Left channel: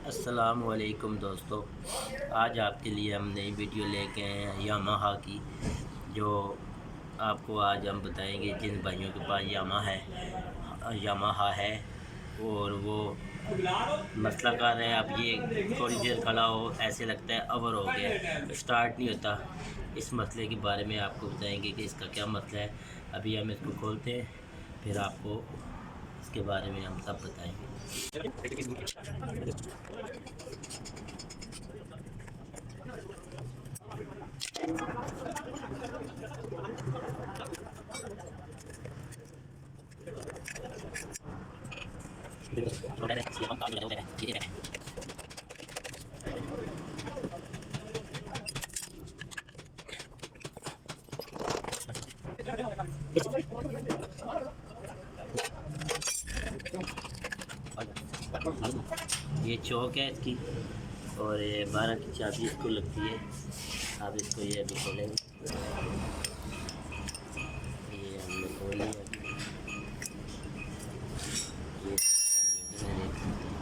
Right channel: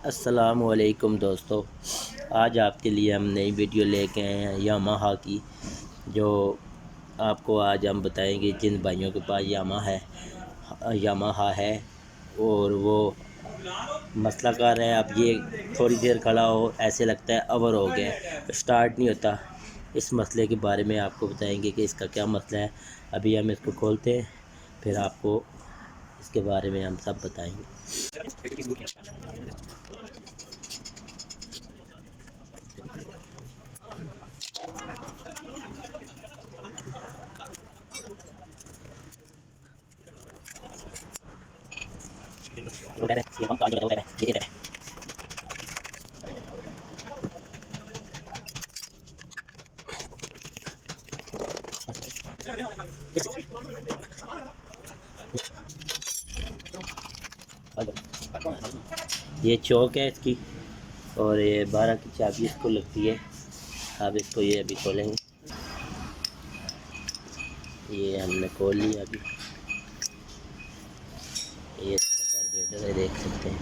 अस्सलामुअलैकुम दोस्तों, आज आपके लिए हम नई वीडियो लेके आए हैं यामाहा की। जो आपको आज हम बताएंगे जिन भाइयों के पास यामाहा है और वो मसला कर रहे हैं। अब ये थोड़ी देर खड़ा हो ऐसे लगता है अवर हो गया, स्टार्ट नहीं होता। इस मसले के बारे में आपको बताएंगे कि इसका क्या मसला है। अभी हम इसको खोलते हैं, फिर आपको इसके बारे में हम सब बताएंगे। ये चौक है इसकी, और ये 12 की चाबी इसको लगती है। अब इसको ये अभी खोलेंगे। ये हमने खोल लिया। अभी ये इसका कार्बोरेटर है, देख सकते हैं।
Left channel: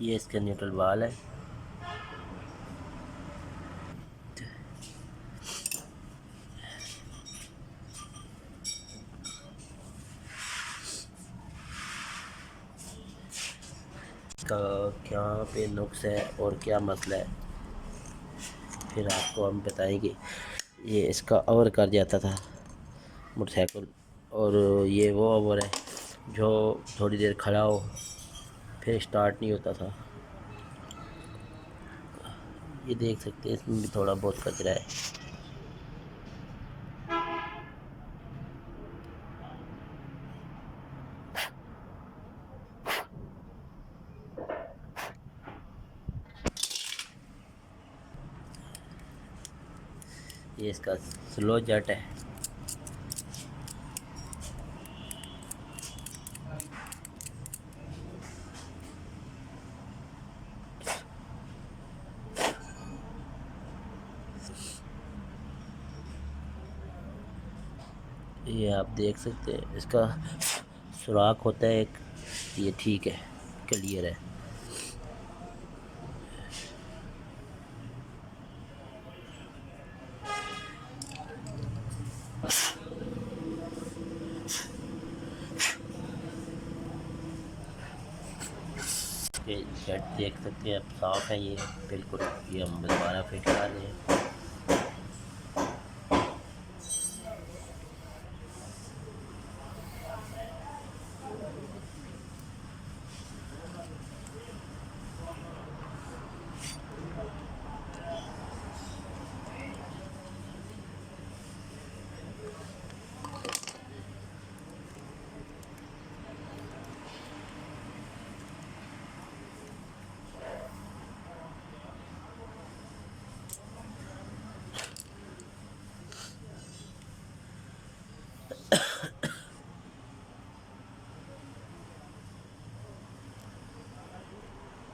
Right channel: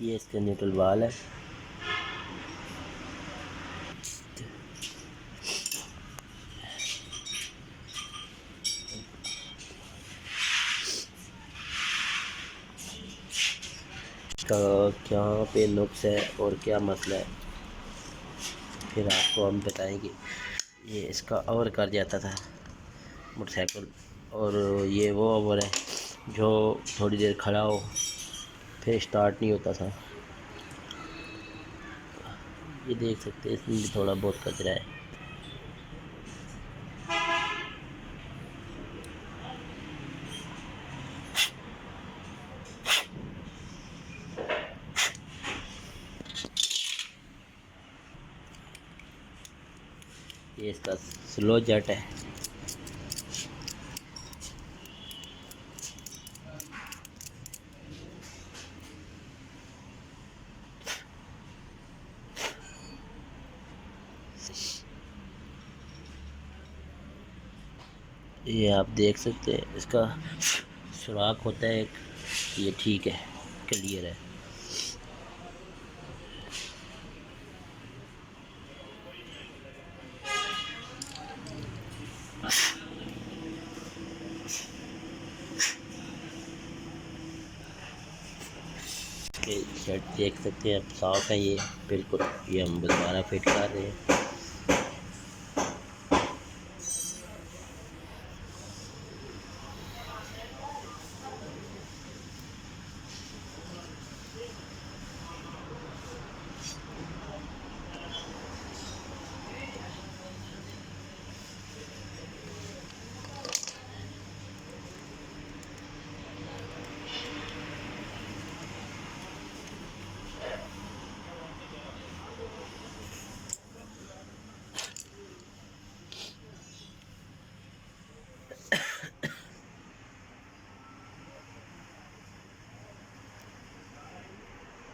ये इसका न्यूट्रल वाल है। इसका क्या पे नुक्स है और क्या मसला है, फिर आपको हम बताएंगे। ये इसका ओवर कर जाता था मोटरसाइकिल, और ये वो ओवर है जो थोड़ी देर खड़ा हो फिर स्टार्ट नहीं होता था। ये देख सकते हैं, इसमें भी थोड़ा बहुत कचरा है। ये इसका स्लो जट है। ये आप देख सकते हैं, इसका सुराख होता है एक। ये ठीक है, क्लियर है। ये शर्ट देख सकते हैं, अब साफ है ये बिल्कुल। ये हम दोबारा फिट कर रहे हैं।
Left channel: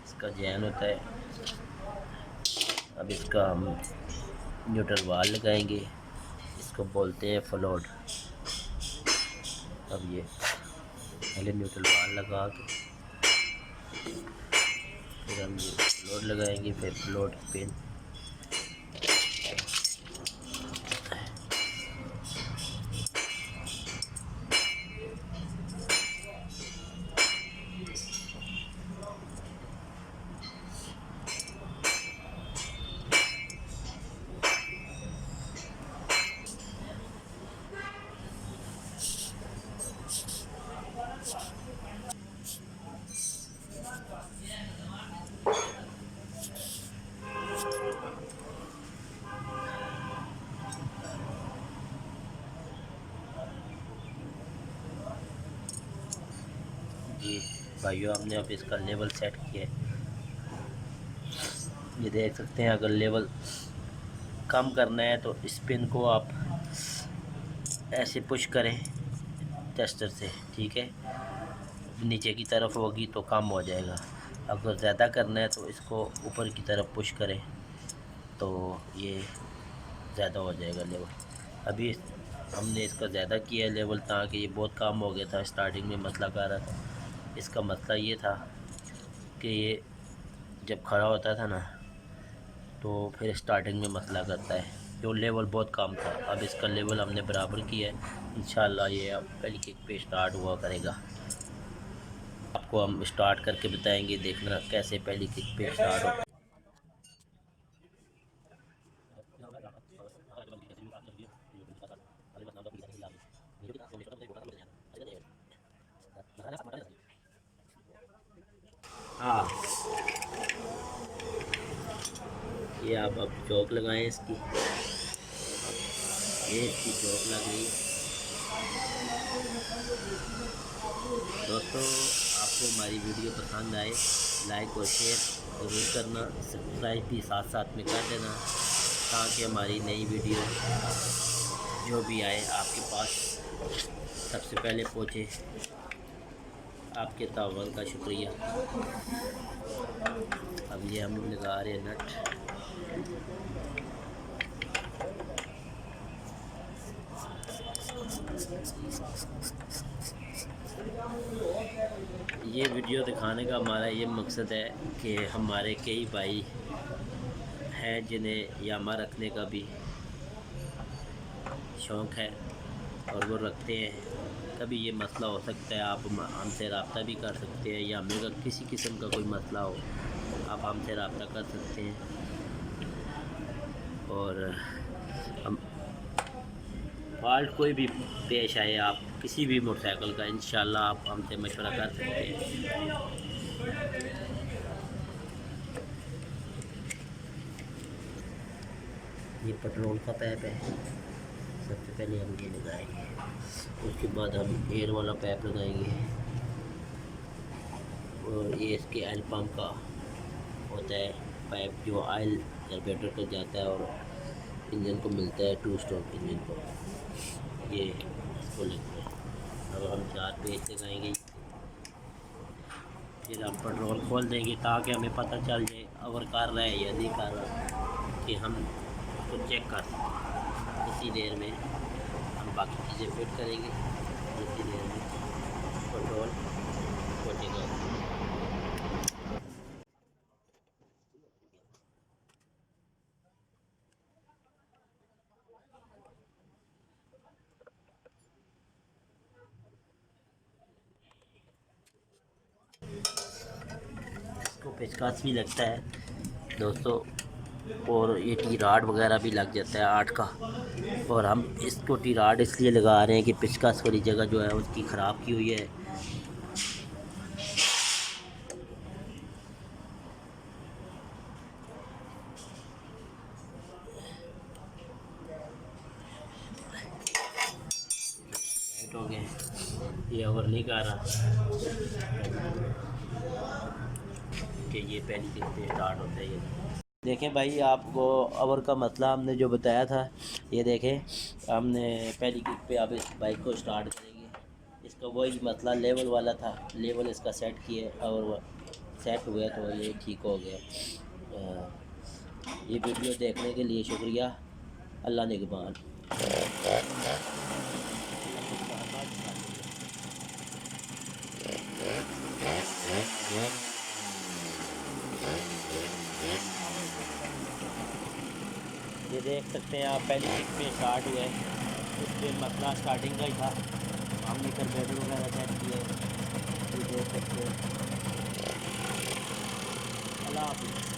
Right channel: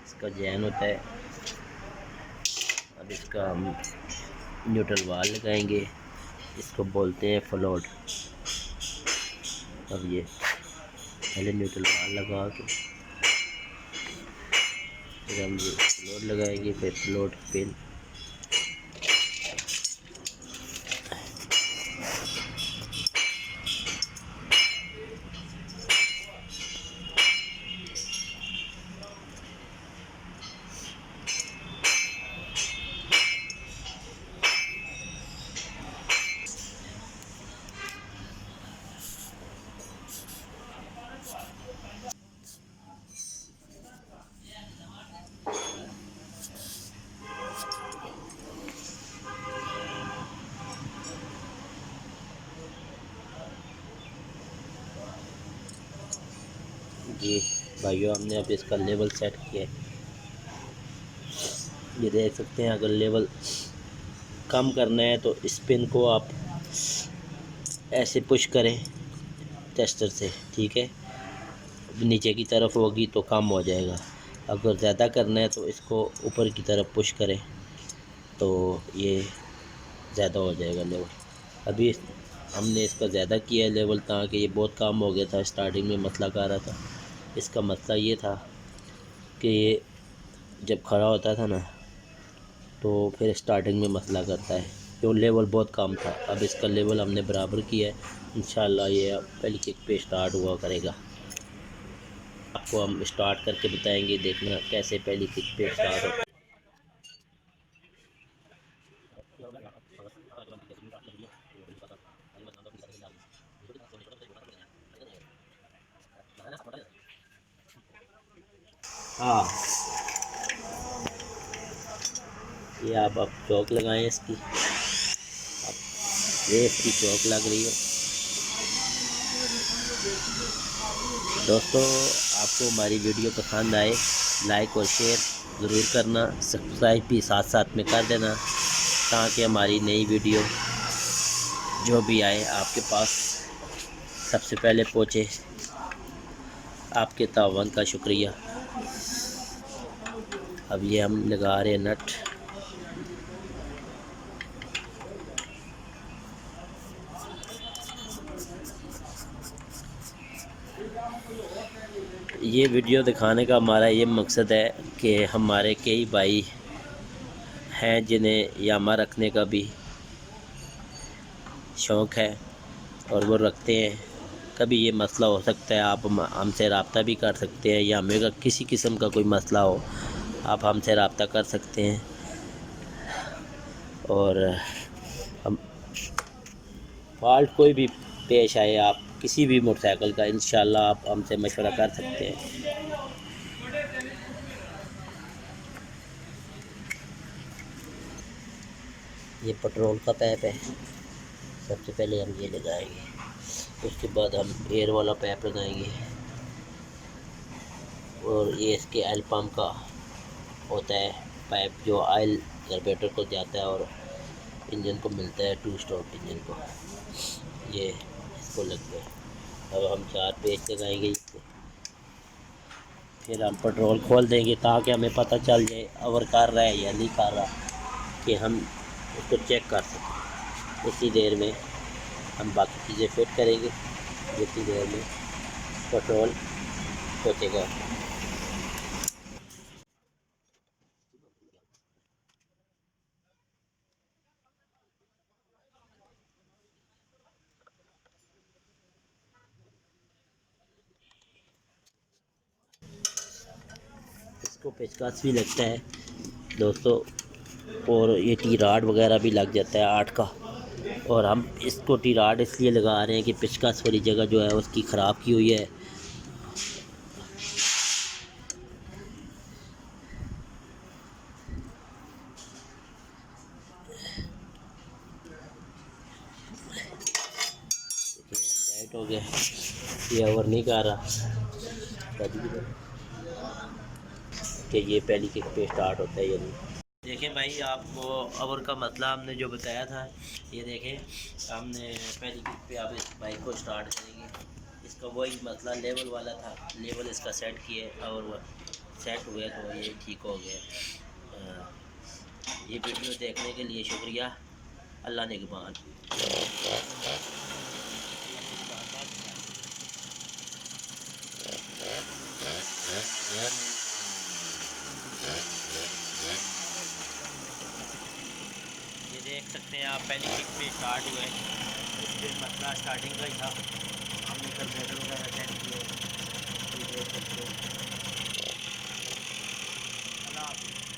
इसका जैन होता है। अब इसका हम न्यूट्रल वाल लगाएंगे, इसको बोलते हैं फ्लोट। अब ये पहले न्यूट्रल वाल लगा के फिर हम ये फ्लोट लगाएंगे, फिर फ्लोट पिन। ये भाइयों हमने अब इसका लेवल सेट किया है। ये देख सकते हैं, अगर लेवल कम करना है तो इस पिन को आप ऐसे पुश करें टेस्टर से, ठीक है। नीचे की तरफ होगी तो कम हो जाएगा। अगर ज़्यादा करना है तो इसको ऊपर की तरफ पुश करें तो ये ज़्यादा हो जाएगा लेवल। अभी हमने इसका ज़्यादा किया है लेवल, ताकि ये बहुत कम हो गया था। स्टार्टिंग में मसला कर रहा था। इसका मसला ये था कि ये जब खड़ा होता था ना तो फिर स्टार्टिंग में मसला करता है, जो लेवल बहुत कम था। अब इसका लेवल हमने बराबर किया है। इंशाल्लाह ये अब पहली किक पे स्टार्ट हुआ करेगा। आपको हम स्टार्ट करके बताएंगे, देखना कैसे पहली किक पे स्टार्ट होता है। हाँ, ये आप अब चौक लगाएं इसकी। अब ये इसकी चौक लग रही है। दोस्तों, आपको हमारी वीडियो पसंद आए लाइक और शेयर ज़रूर करना, सब्सक्राइब भी साथ साथ में कर देना, ताकि हमारी नई वीडियो जो भी आए आपके पास सबसे पहले पहुँचे। आपके तावन का शुक्रिया। अब ये हम लगा रहे हैं नट। ये वीडियो दिखाने का हमारा ये मकसद है कि हमारे कई भाई हैं जिन्हें यामा रखने का भी शौक़ है और वो रखते हैं। कभी ये मसला हो सकता है, आप हमसे रब्ता भी कर सकते हैं, या हमें किसी किस्म का कोई मसला हो आप हमसे रब्ता कर सकते हैं। और हम फॉल्ट कोई भी पेश आए, आप किसी भी मोटरसाइकिल का, इंशाल्लाह आप हमसे मशवरा कर सकते हैं। ये पेट्रोल का पैप है। सबसे पहले हम ये लगाएंगे, उसके बाद हम एयर वाला पैप लगाएंगे, और ये इसके ऑयल पम्प का होता है पाइप, जो ऑयल कार्बोरेटर को जाता है और इंजन को मिलता है, 2 स्ट्रोक इंजन को। ये इसको लगता है। अब हम 4 पेच लगाएंगे इसके, फिर हम पेट्रोल खोल देंगे ताकि हमें पता चल जाए ओवर कर रहा है या नहीं कर रहा, कि हम उसको चेक कर सकें। इसी देर में हम बाकी चीज़ें फिट करेंगे, इसी देर में पेट्रोल पहुँचेगा। इसको पेचकस भी लगता है दोस्तों, और ये टी राड वगैरह भी लग जाता है 8 का। और हम इसको टी राड इसलिए लगा रहे हैं कि पेचकस वाली जगह जो है उसकी ख़राब की हुई है। टाइट हो गया, ये ओवर नहीं कर रहा कि ये पहली किक पे स्टार्ट होता है या नहीं। देखें भाई, आपको ओवर का मसला हमने जो बताया था, ये देखें हमने पहली किक पे अब इस बाइक को स्टार्ट करेंगे। इसका वही मसला लेवल वाला था, लेवल इसका सेट किए और सेट हुआ तो ये ठीक हो गया। ये वीडियो देखने के लिए शुक्रिया। अल्लाह निगहबान। ये देख सकते हैं आप, पहली किक पे स्टार्ट हुआ है। इसमें मसला स्टार्टिंग का ही था, हमने कार्बोरेटर वगैरह सेट किए, ये देख सकते हैं। अल्लाह हाफ़िज़।